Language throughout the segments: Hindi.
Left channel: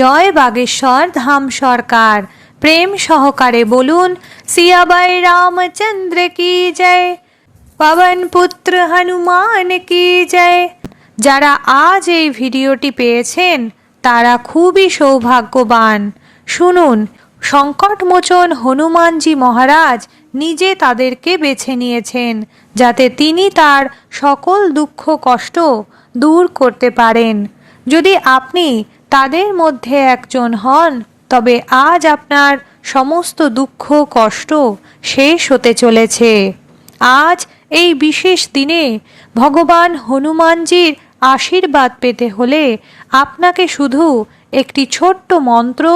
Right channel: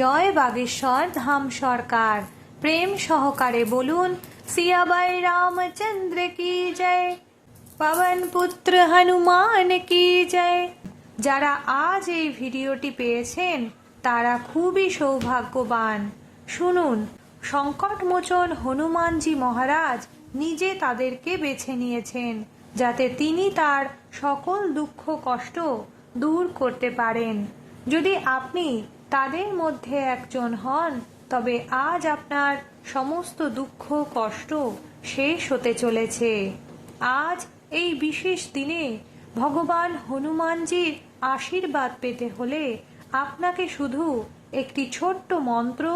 জয় বাগেশ্বর ধাম সরকার। প্রেম সহকারে বলুন সিয়াবাই রামচন্দ্র কি জয়, পবন পুত্র হনুমান কি জয়। যারা আজ এই ভিডিওটি পেয়েছেন তারা খুবই সৌভাগ্যবান। শুনুন, সংকটমোচন হনুমানজি মহারাজ নিজে তাদেরকে বেছে নিয়েছেন যাতে তিনি তার সকল দুঃখ কষ্ট দূর করতে পারেন। যদি আপনি তাদের মধ্যে একজন হন তবে আজ আপনার সমস্ত দুঃখ কষ্ট শেষ হতে চলেছে। আজ এই বিশেষ দিনে ভগবান হনুমানজির আশীর্বাদ পেতে হলে আপনাকে শুধু একটি ছোট্ট মন্ত্র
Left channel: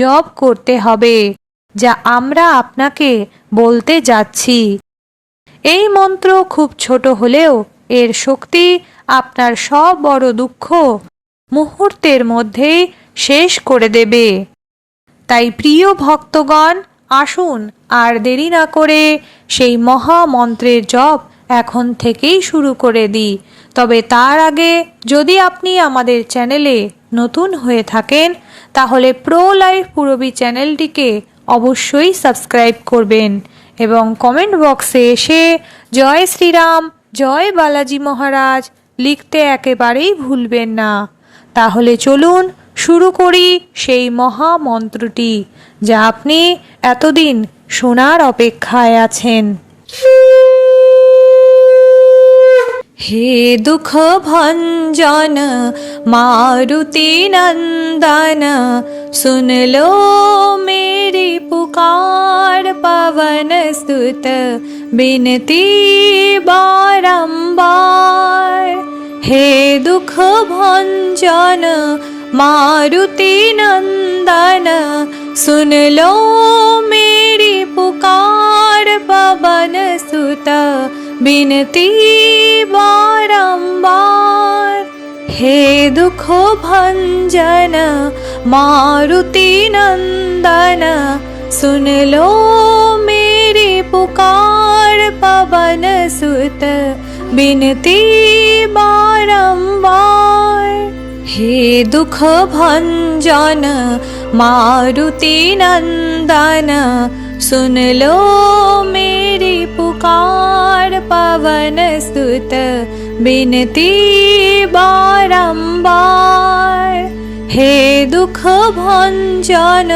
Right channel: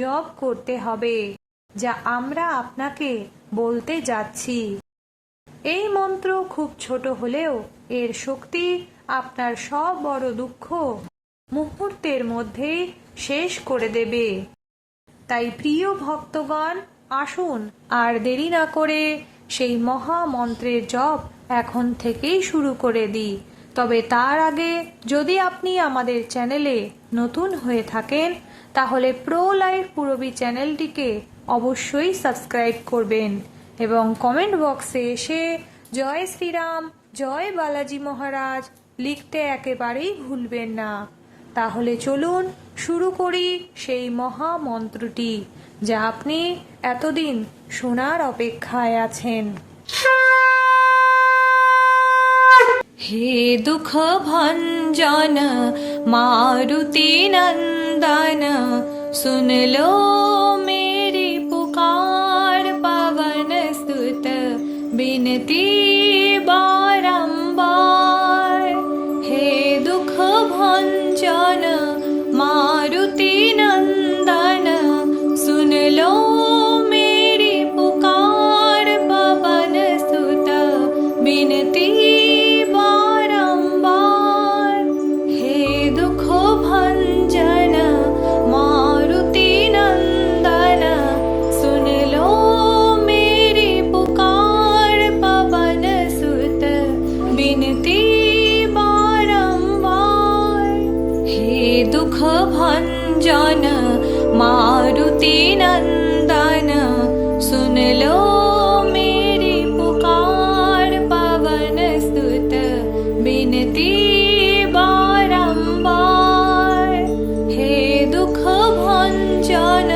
জপ করতে হবে, যা আমরা আপনাকে বলতে যাচ্ছি। এই মন্ত্র খুব ছোট হলেও এর শক্তি আপনার সব বড় দুঃখ মুহূর্তের মধ্যেই শেষ করে দেবে। তাই প্রিয় ভক্তগণ, আসুন আর দেরি না করে সেই মহামন্ত্রের জপ এখন থেকেই শুরু করে দিই। তবে তার আগে যদি আপনি আমাদের চ্যানেলে নতুন হয়ে থাকেন তাহলে প্রো লাইফ পুরবী চ্যানেলটিকে অবশ্যই সাবস্ক্রাইব করবেন এবং কমেন্ট বক্সে এসে জয় শ্রীরাম, জয় বালাজি মহারাজ লিখতে একেবারেই ভুলবেন না। তাহলে চলুন শুরু করি সেই মহামন্ত্রটি যা আপনি এতদিন শোনার অপেক্ষায় আছেন। হে দুঃখ ভঞ্জন मारुति नंदन, सुन लो मेरी पुकार, पवन सुत बिनती बारंबार। हे दुख भंजन मारुति नंदन, सुन लो मेरी पुकार, पवन सुत बिनती बारंबार। हे दुख भंजन मारुति नंदन, सुन लो मेरी पुकार, पवन सुत बिनती बारंबार। हे दुख भंजन मारुति नंदन, सुन लो मेरी पुकार, पवन सुत बिनती बारंबार। हे दुख भंजन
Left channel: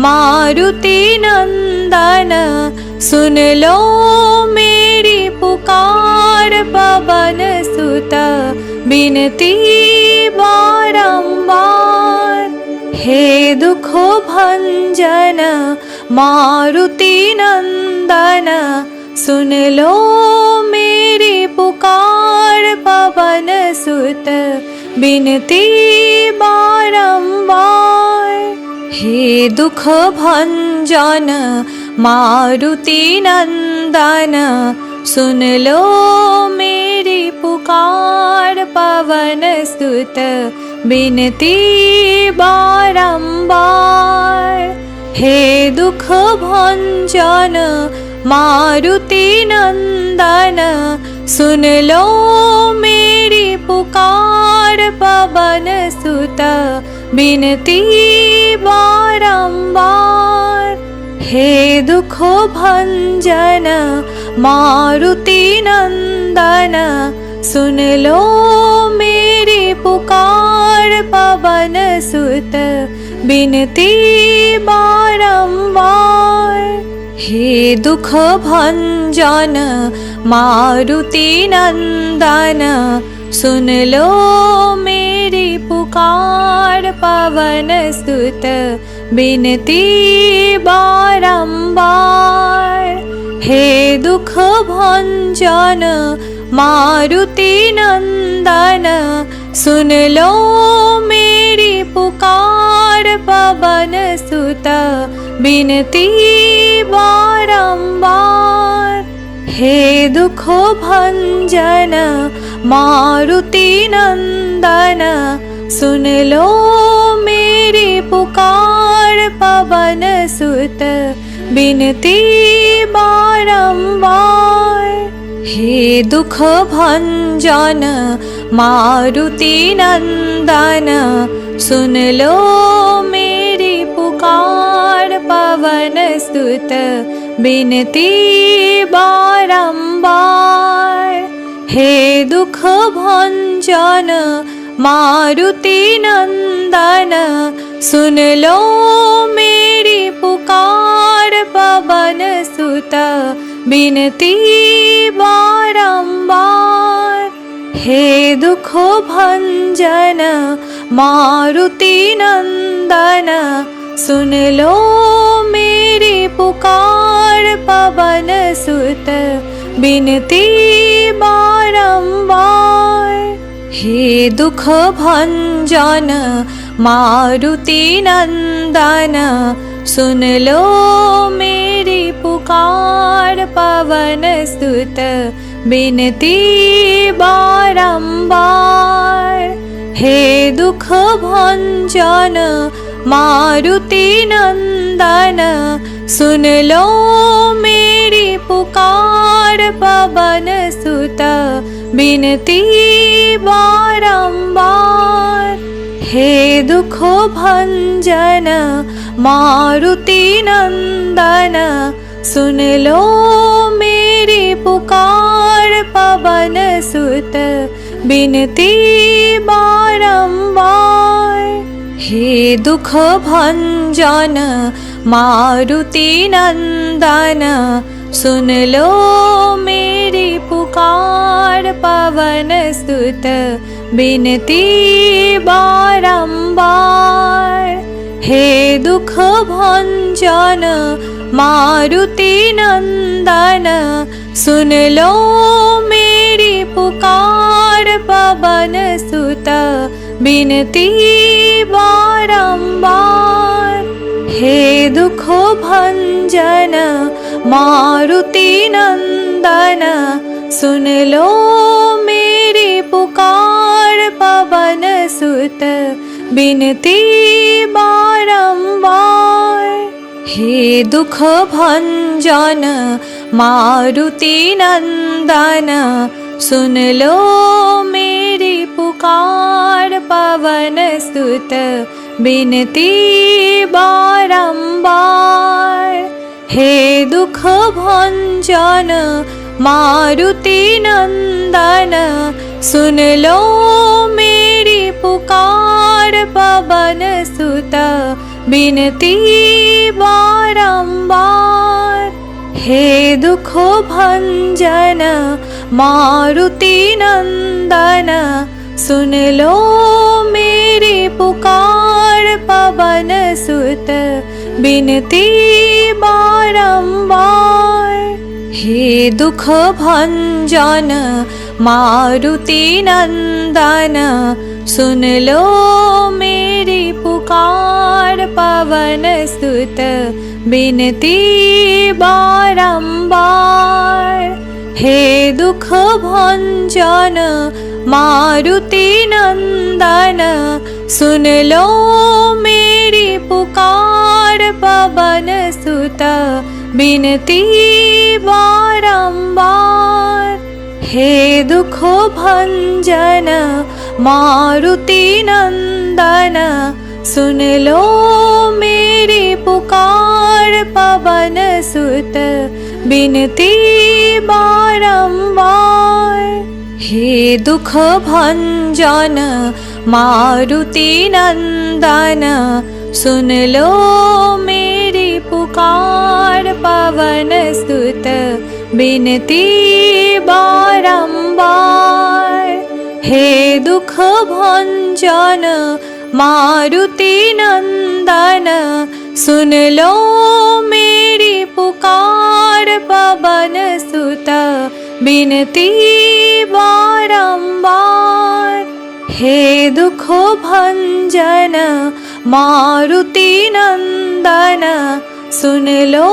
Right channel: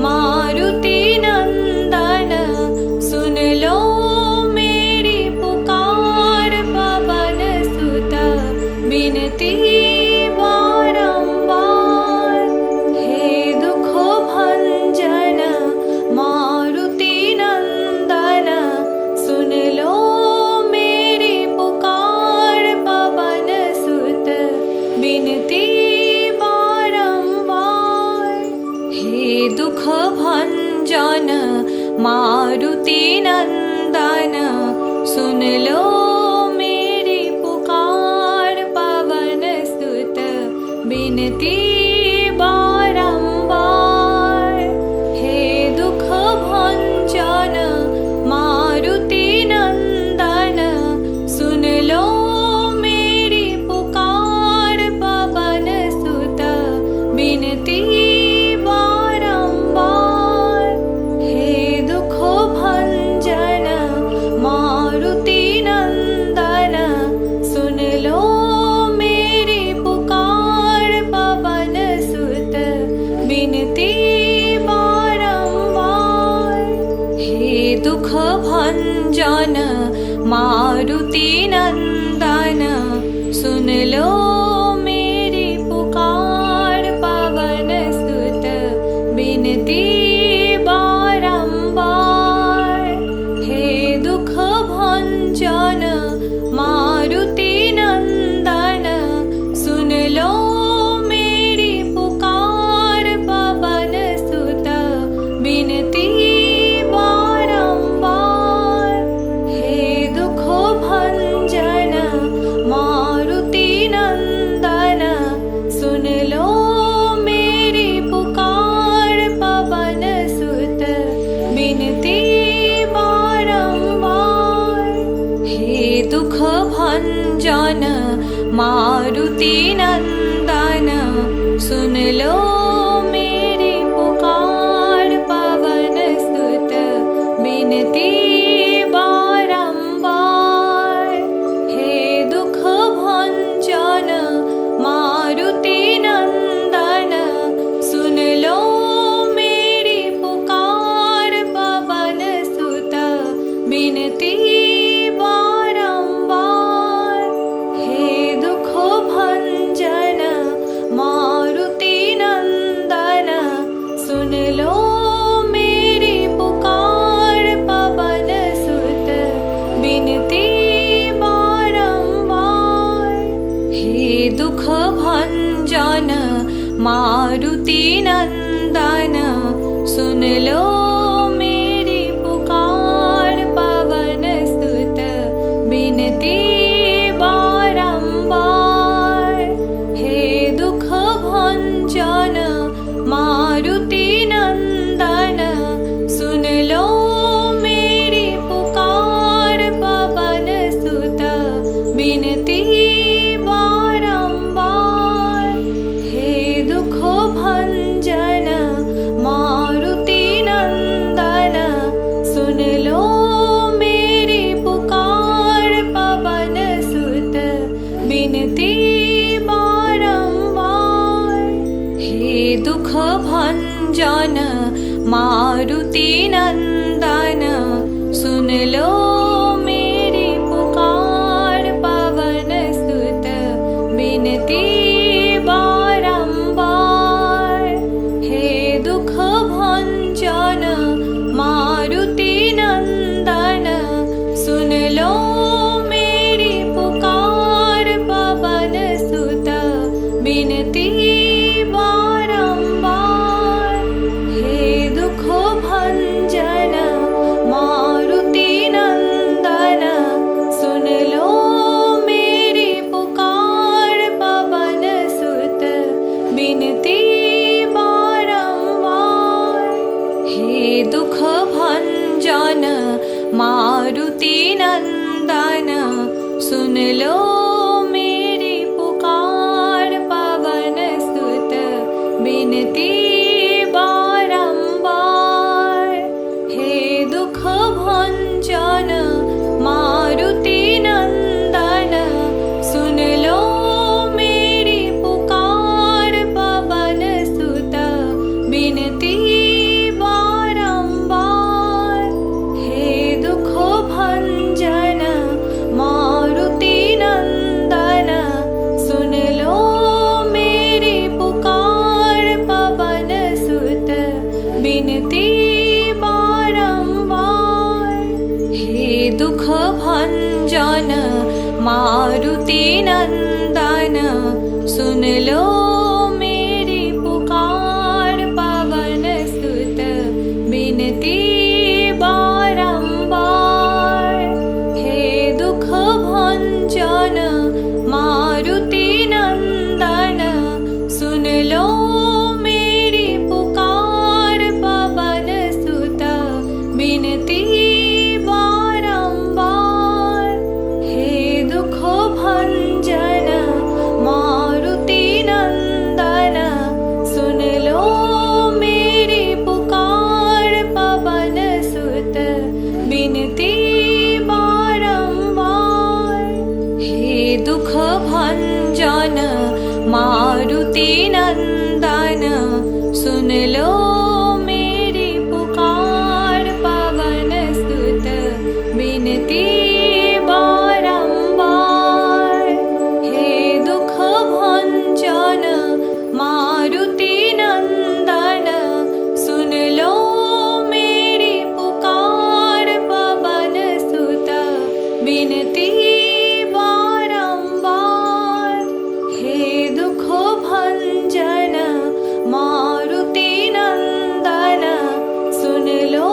मारुति नंदन, सुन लो मेरी पुकार, पवन सुत बिनती बारंबार। हे दुख भंजन मारुति नंदन, सुन लो मेरी पुकार, पवन सुत बिनती बारंबार। हे दुख भंजन मारुति नंदन, सुन लो मेरी पुकार, पवन सुत बिनती बारंबार। हे दुख भंजन मारुति नंदन, सुन लो मेरी पुकार, पवन सुत बिनती बारंबार। हे दुख भंजन मारुति नंदन, सुन लो मेरी पुकार, पवन सुत बिनती बारंबार। हे दुख भंजन मारुति नंदन, सुन लो मेरी पुकार, पवन सुत बिनती बारंबार। हे दुख भंजन मारुति नंदन, सुन लो मेरी पुकार, पवन सुत बिनती बारंबार। हे दुख भंजन मारुति नंदन, सुन लो मेरी पुकार, पवन सुत बिनती बारंबार। हे दुख भंजन मारुति नंदन, सुन लो मेरी पुकार। पवन सुत बिनती बारंबार। हे दुख भंजन मारुति नंदन, सुन लो मेरी पुकार। पवन सुत बिनती बारंबार। हे दुख भंजन मारुति नंदन, सुन लो मेरी पुकार। पवन सुत बिनती बारंबार। हे दुख भंजन मारुति नंदन, सुन लो मेरी पुकार। पवन सुत बिनती बारंबार। हे दुख भंजन मारुति नंदन, सुन लो मेरी पुकार। पवन सुत बिनती बारंबार। हे दुख भंजन मारुति नंदन, सुन लो मेरी पुकार। पवन सुत बिनती बारंबार। हे दुख भंजन मारुति नंदन, सुन लो मेरी पुकार। पवन सुत बिनती बारंबार। हे दुख भंजन मारुति नंदन, सुन लो मेरी पुकार। पवन सुत बिनती बारंबार। हे दुख भंजन मारुति नंदन, सुन लो मेरी पुकार। पवन सुत बिनती बारंबार। हे दुख भंजन मारुति नंदन, सुन लो मेरी पुकार। पवन सुत बिनती बारंबार। हे दुख भंजन मारुति नंदन, सुन लो मेरी पुकार। पवन सुत बिनती बारंबार। हे दुख भंजन मारुति नंदन, सुन लो मेरी पुकार। पवन सुत बिनती बारंबार। हे दुख भंजन मारुति नंदन, सुन लो मेरी पुकार। पवन सुत बिनती बारंबार। हे दुख भंजन मारुति नंदन, सुन लो मेरी पुकार। पवन सुत बिनती बारंबार। हे दुख भंजन मारुति नंदन, सुन लो मेरी पुकार। पवन सुत बिनती बारंबार। हे दुख भंजन मारुति नंदन, सुन लो मेरी पुकार। पवन सुत बिनती बारंबार। हे दुख भंजन मारुति नंदन, सुन लो मेरी पुकार। पवन सुत बिनती बारंबार। हे दुख भंजन मारुति नंदन, सुन लो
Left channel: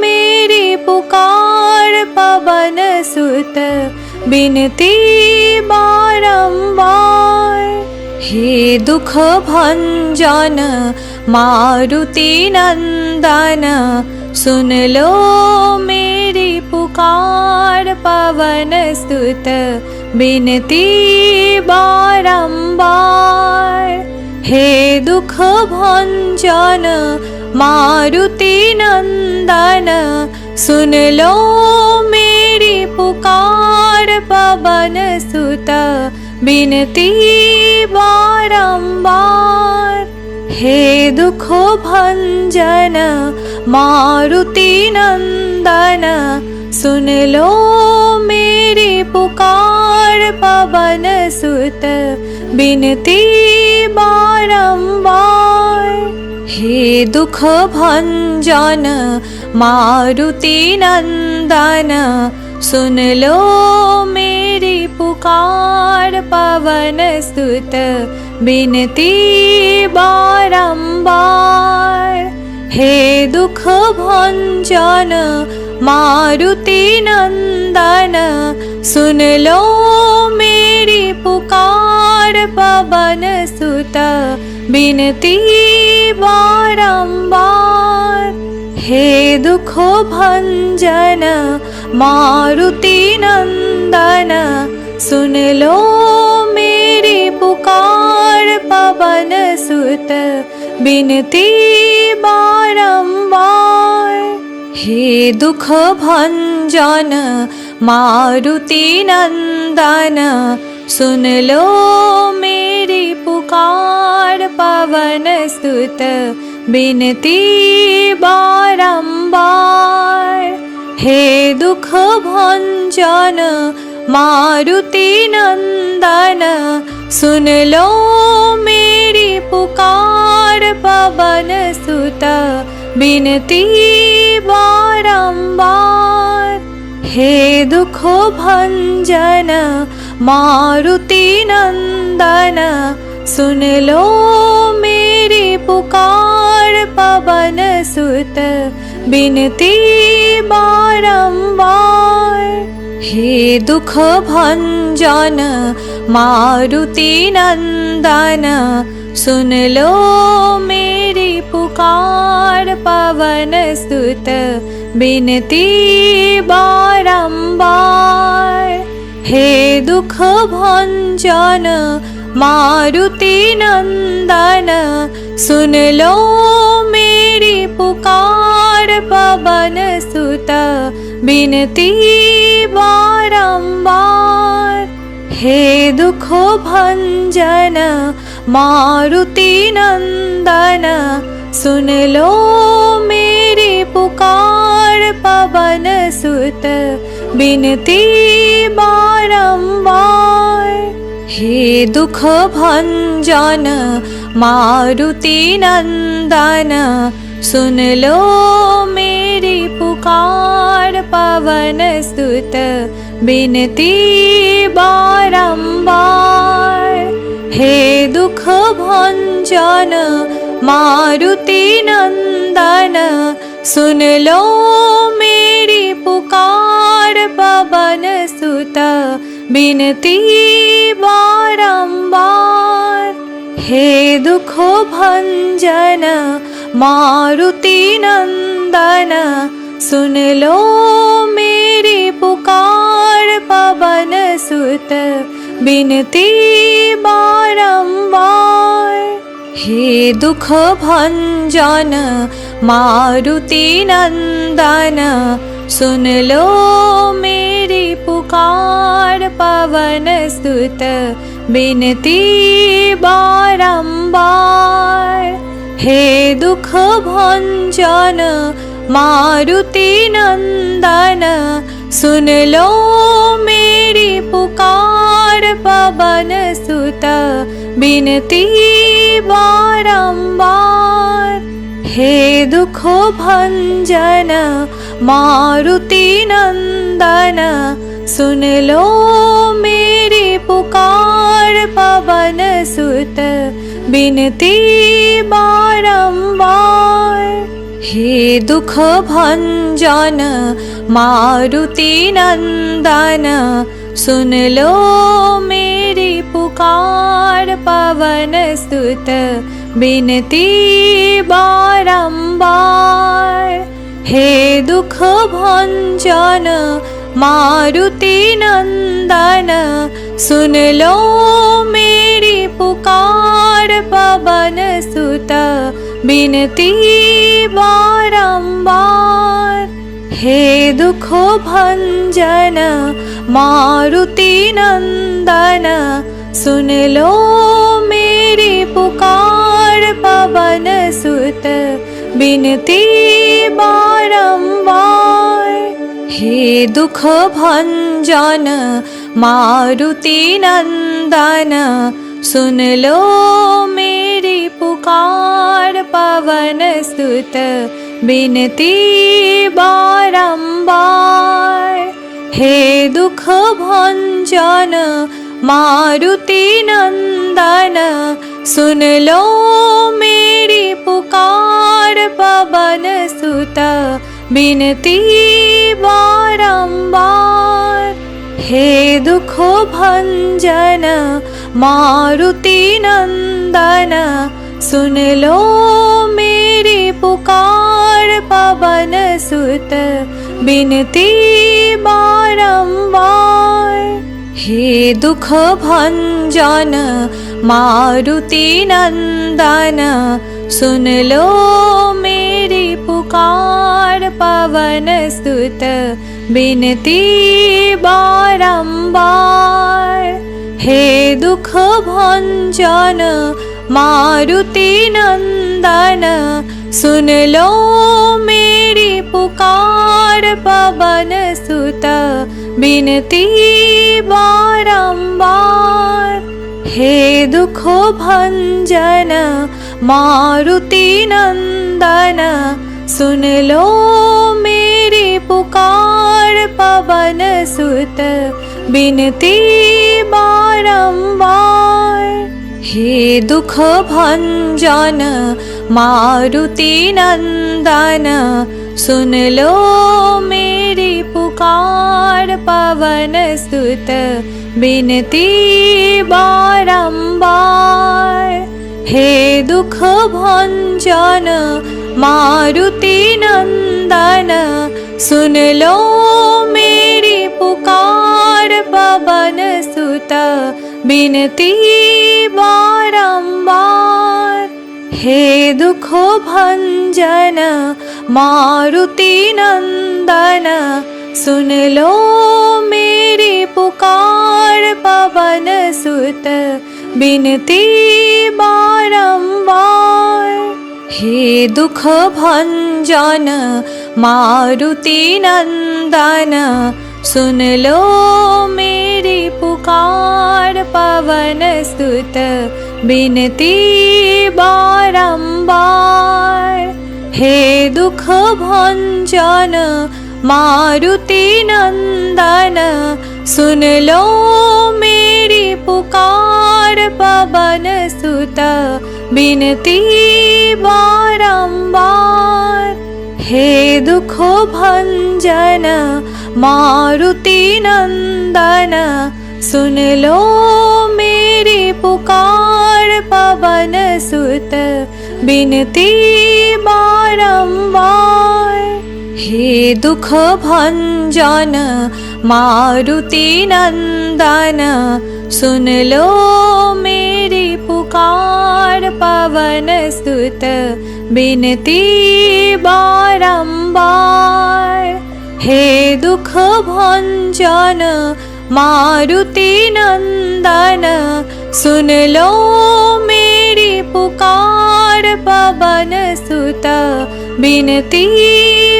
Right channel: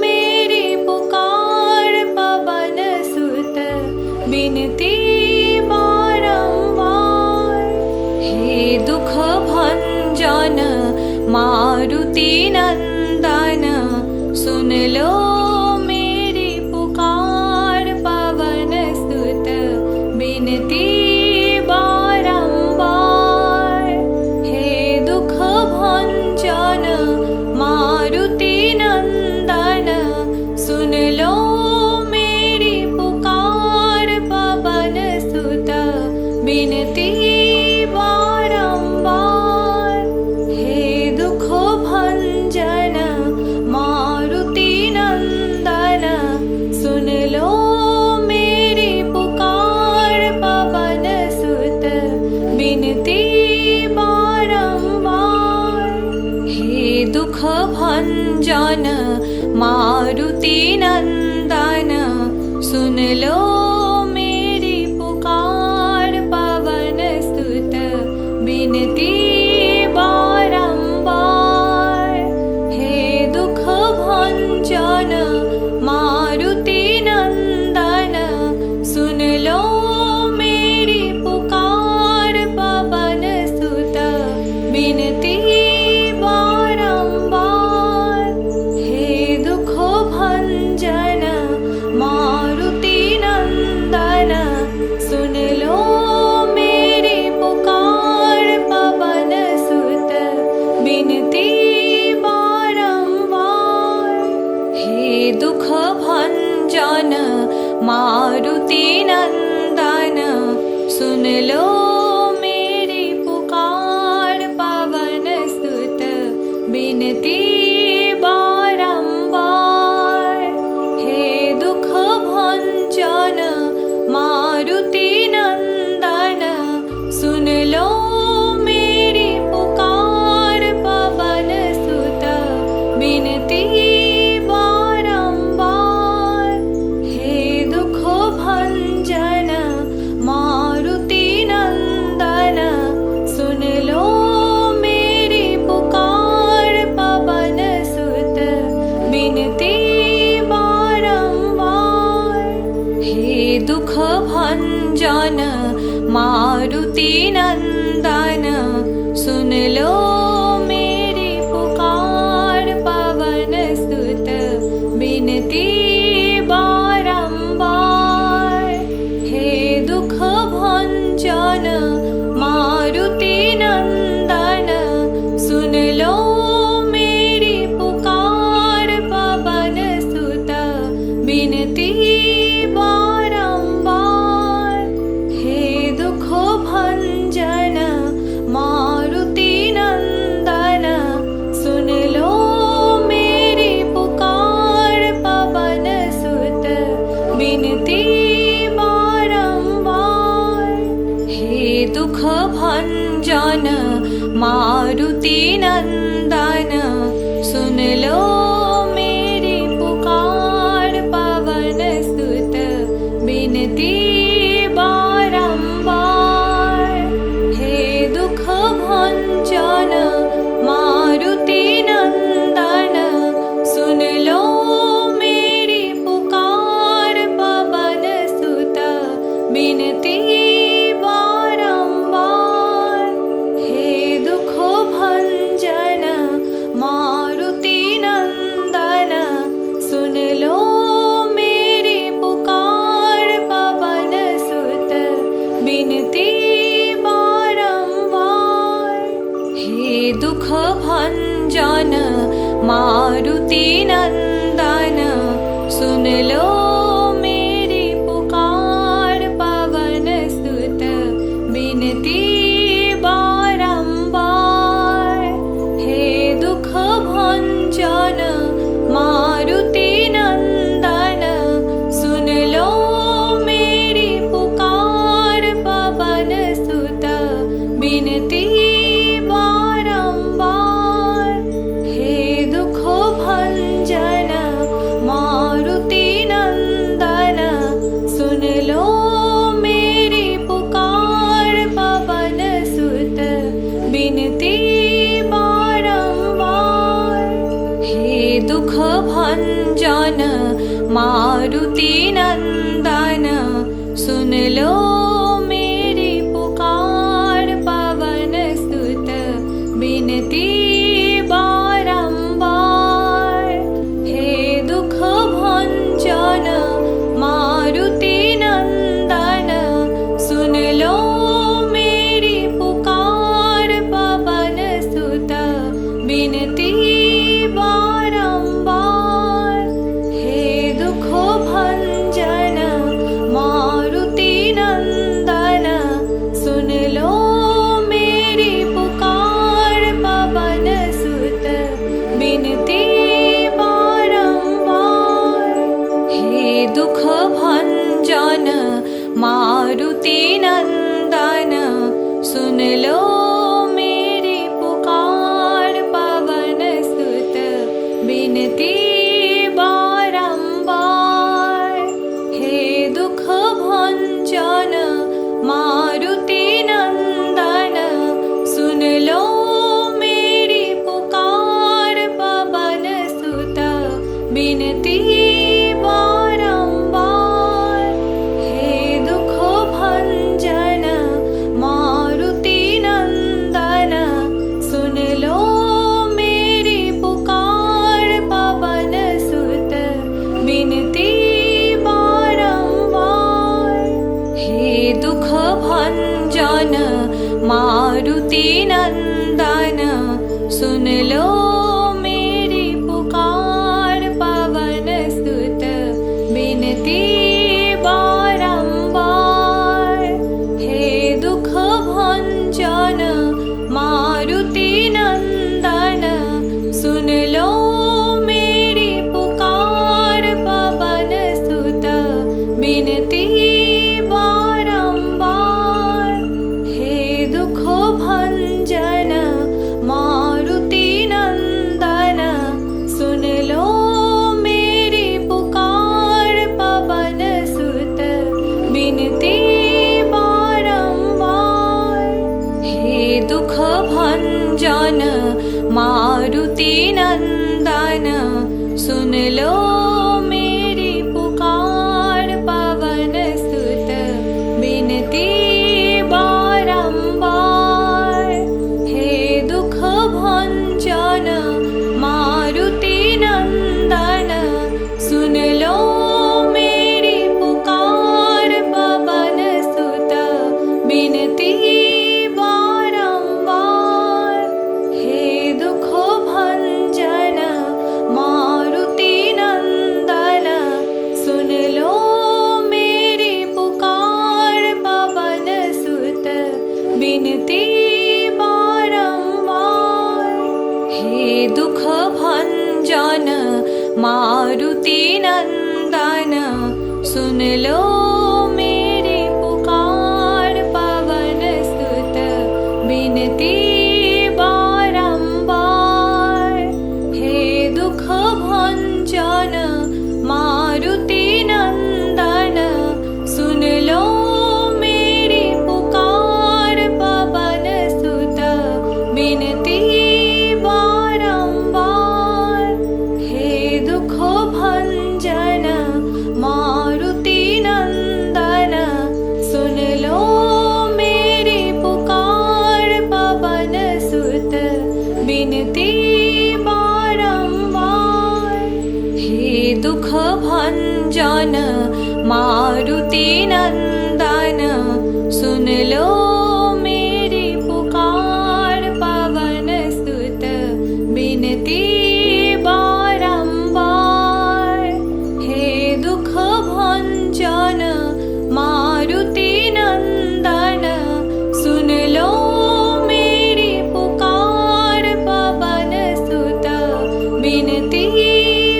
मेरी पुकार। पवन सुत बिनती बारंबार। हे दुख भंजन मारुति नंदन, सुन लो मेरी पुकार। पवन सुत बिनती बारंबार। हे दुख भंजन मारुति नंदन, सुन लो मेरी पुकार पवन सुत, बिनती बारंबार। हे दुख भंजन मारुति नंदन, सुन लो मेरी पुकार पवन सुत, बिनती बारंबार। हे दुख भंजन मारुति नंदन, सुन लो मेरी पुकार पवन सुत, बिनती बारंबार। हे दुख भंजन मारुति नंदन, सुन लो मेरी पुकार पवन सुत, बिनती बारंबार। हे दुख भंजन मारुति नंदन, सुन लो मेरी पुकार पवन सुत, बिनती बारंबार। हे दुख भंजन मारुति नंदन, सुन लो मेरी पुकार पवन सुत, बिनती बारंबार। हे दुख भंजन मारुति नंदन, सुन लो मेरी पुकार पवन सुत, बिनती बारंबार। हे दुख भंजन मारुति नंदन, सुन लो मेरी पुकार पवन सुत, बिनती बारंबार। हे दुख भंजन मारुति नंदन, सुन लो मेरी पुकार पवन सुत, बिनती बारंबार। हे दुख भंजन मारुति नंदन, सुन लो मेरी पुकार पवन सुत, बिनती बारंबार। हे दुख भंजन मारुति नंदन, सुन लो मेरी पुकार पवन सुत, बिनती बारंबार। हे दुख भंजन मारुति नंदन, सुन लो मेरी पुकार पवन सुत, बिनती बारंबार। हे दुख भंजन मारुति नंदन, सुन लो मेरी पुकार पवन सुत, बिनती बारंबार। हे दुख भंजन मारुति नंदन, सुन लो मेरी पुकार पवन सुत, बिनती बारंबार। हे दुख भंजन मारुति नंदन, सुन लो मेरी पुकार पवन सुत, बिनती बारंबार। हे दुख भंजन मारुति नंदन, सुन लो मेरी पुकार पवन सुत, बिनती बारंबार। हे दुख भंजन मारुति नंदन, सुन लो मेरी पुकार पवन सुत, बिनती बारंबार। हे दुख भंजन मारुति नंदन, सुन लो मेरी पुकार पवन सुत, बिनती बारंबार। हे दुख भंजन मारुति नंदन, सुन लो मेरी पुकार पवन बिनती बारंबार। हे दुख भंजन मारुति नंदन, सुन लो मेरी पुकार। पवन सुत बिनती बारंबार। हे दुख भंजन मारुति नंदन, सुन लो मेरी पुकार। पवन सुत बिनती बारंबार। हे दुख भंजन मारुति नंदन, सुन लो मेरी पुकार। पवन सुत बिनती बारंबार। हे दुख भंजन मारुति नंदन, सुन लो मेरी पुकार। पवन सुत बिनती बारंबार। हे दुख भंजन मारुति नंदन, सुन लो मेरी पुकार। पवन सुत बिनती बारंबार। हे दुख भंजन मारुति नंदन, सुन लो मेरी पुकार। पवन सुत बिनती बारंबार। हे दुख भंजन मारुति नंदन, सुन लो मेरी पुकार। पवन सुत बिनती बारंबार। हे दुख भंजन मारुति नंदन, सुन लो मेरी पुकार। पवन सुत बिनती बारंबार। हे दुख भंजन मारुति नंदन, सुन लो मेरी पुकार। पवन सुत बिनती बारंबार। हे दुख भंजन मारुति नंदन, सुन लो मेरी पुकार। पवन सुत बिनती बारंबार। हे दुख भंजन मारुति नंदन, सुन लो मेरी पुकार। पवन सुत बिनती बारंबार। हे दुख भंजन मारुति नंदन, सुन लो मेरी पुकार। पवन सुत बिनती बारंबार। हे दुख भंजन मारुति नंदन, सुन लो मेरी पुकार। पवन सुत बिनती बारंबार। हे दुख भंजन मारुति नंदन, सुन लो मेरी पुकार। पवन सुत बिनती बारंबार। हे दुख भंजन मारुति नंदन, सुन लो मेरी पुकार। पवन सुत बिनती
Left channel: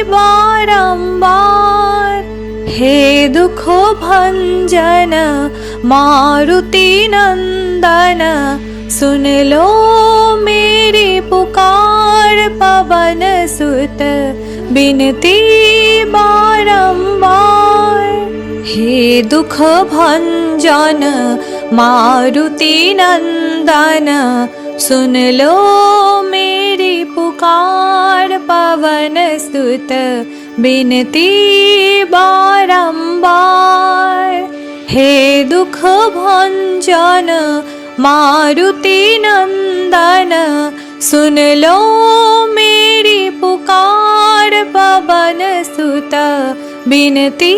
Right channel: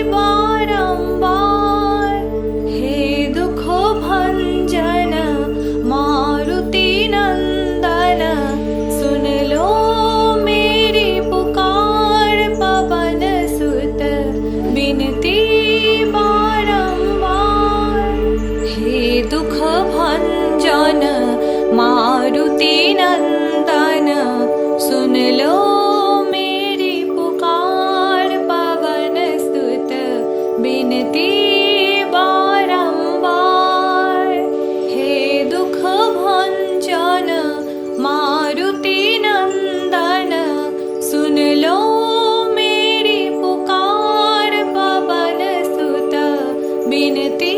बारंबार। हे दुख भंजन मारुति नंदन, सुन लो मेरी पुकार। पवन सुत बिनती बारंबार। हे दुख भंजन मारुति नंदन, सुन लो मेरी पुकार। पवन सुत बिनती बारंबार। हे दुख भंजन मारुति नंदन, सुन लो मेरी पुकार। पवन सुत बिनती